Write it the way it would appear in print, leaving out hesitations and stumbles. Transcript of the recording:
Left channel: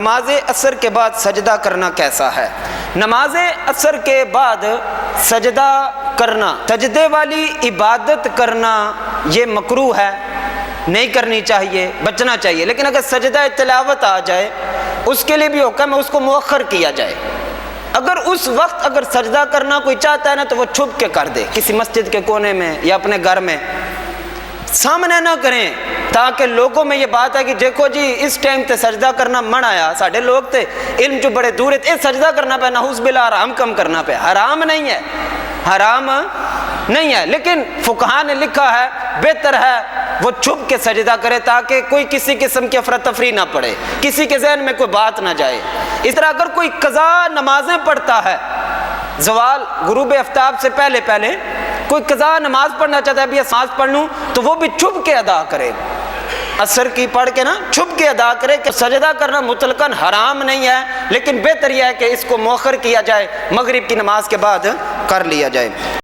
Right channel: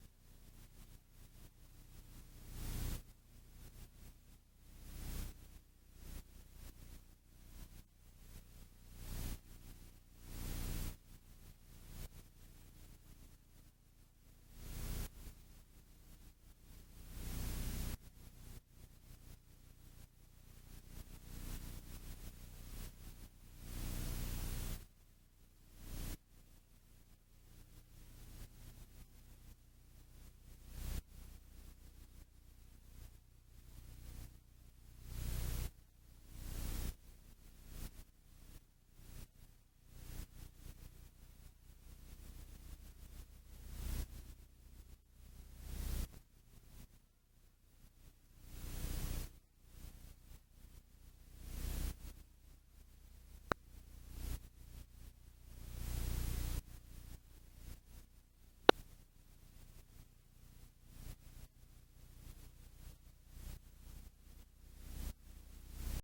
نماز عصر کے بعد سجدہ کرنا کیسا ہے؟ نماز عصر کے بعد سجدہ کرنا، سجدے والی عبادت کرنا یہ مکروہ ہے، نہیں کرنی چاہیے، بچنا چاہیے۔ لیکن اگر سجدہ تلاوت آ جائے اس کے لیے بھی حکم ہے اس کو مؤخر کیا جائے۔ اگر اس وقت اگر سجدہ کرنا کوئی چاہتا ہے نا تو وہ چھپ کے کر دے، کسی مسجد کے کونے میں یا اپنے گھر میں، سامنے نہ کریں، تاکہ لوگوں میں یہ بات ہے کہ دیکھو جی اس ٹائم تے سجدہ کرنا من آیا، ساڑھے لوگ تے علم جو بڑے دور ہے سجدہ کرنا پہ نعوذ باللہ حرام کم کرنا پہ، حرام نہیں ہے، حرام نہیں ہے، لیکن فقہاء نے لکھا ہے بہتر ہے وہ چھپ کے سجدہ کرے تاکہ کوئی کسی قسم کی افراتفری نہ پڑے، کسی کے ذہن میں کوئی بات نہ جائے۔ اس طرح اگر کوئی قضا نمازیں پڑھتا ہے، زوال غروب آفتاب سے پہلے پہلے کوئی قضا نماز پڑھنا چاہتا ہے، ابھی نماز پڑھ لوں، تو وہ بھی چھپ کے ادا کرے، عصر کی پڑھ کے نا چھپ کے ادا کرے۔ کہ سجدہ کرنا مطلقاً حرام نہیں ہے، لیکن بہتر یہ ہے کہ اس کو مؤخر کیا جائے، مغرب کی نماز کے بعد کر لیا جائے۔